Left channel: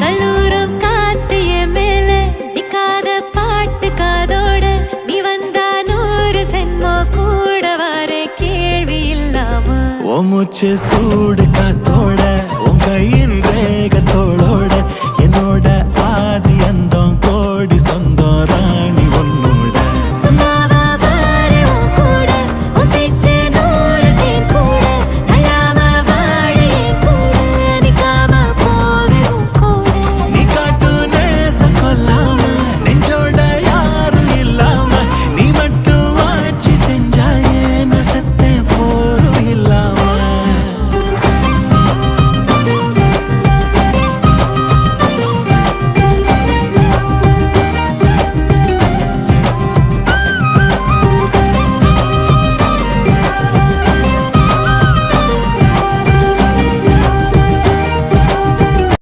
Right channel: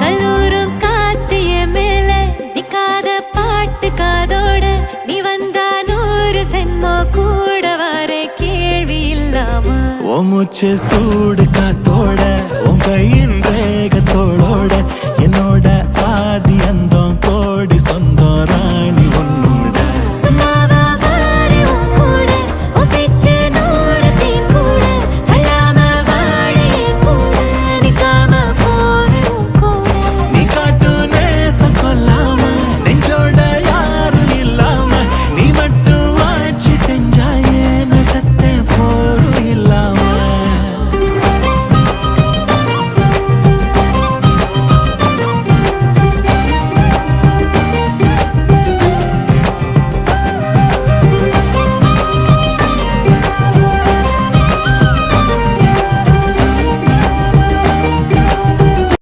கல்லூரும் காத்திய மேல நிக்காத பாட்டு காதோட நீ வந்தா 100 சென்மோ கூட வர கேள்வி இல்லாம மூச்சு சூடு காத்தோட உன் கையின் ரேகத்தோளோட என்னோட ஆதி அந்தம்